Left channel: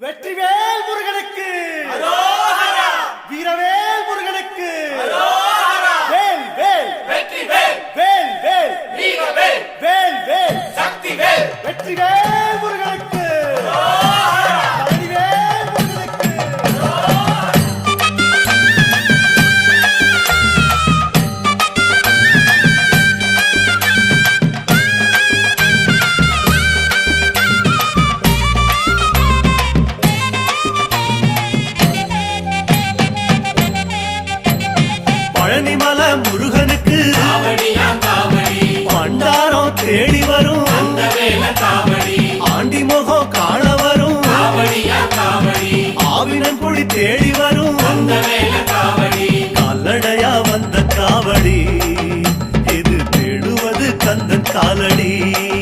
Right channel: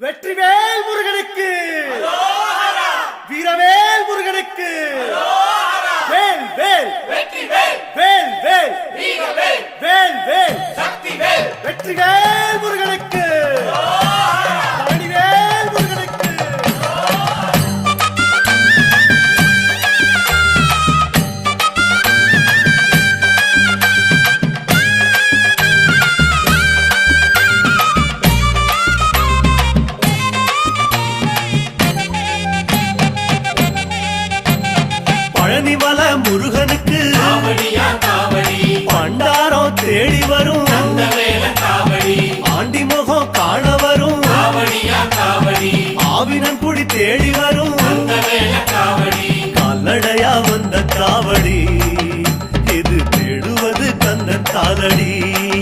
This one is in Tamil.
வெற்றிவேல் முருகனுக்கு, வீரவேல் முருகனுக்கு, வேல் வேல் வேல் வேல் வேல் வேல் வெற்றிவேல் முருகனுக்கு, பழனிவேல் முருகனுக்கு. பழனிமலை முருகனுக்கு பண்டாரம் தேடி வரும், ஆண்டி முகம் காண வரும், ஆவினங்குடி தேடி வரும், கால்நடையா வந்த காவடி இது தேடுவது கந்தன் காலடி.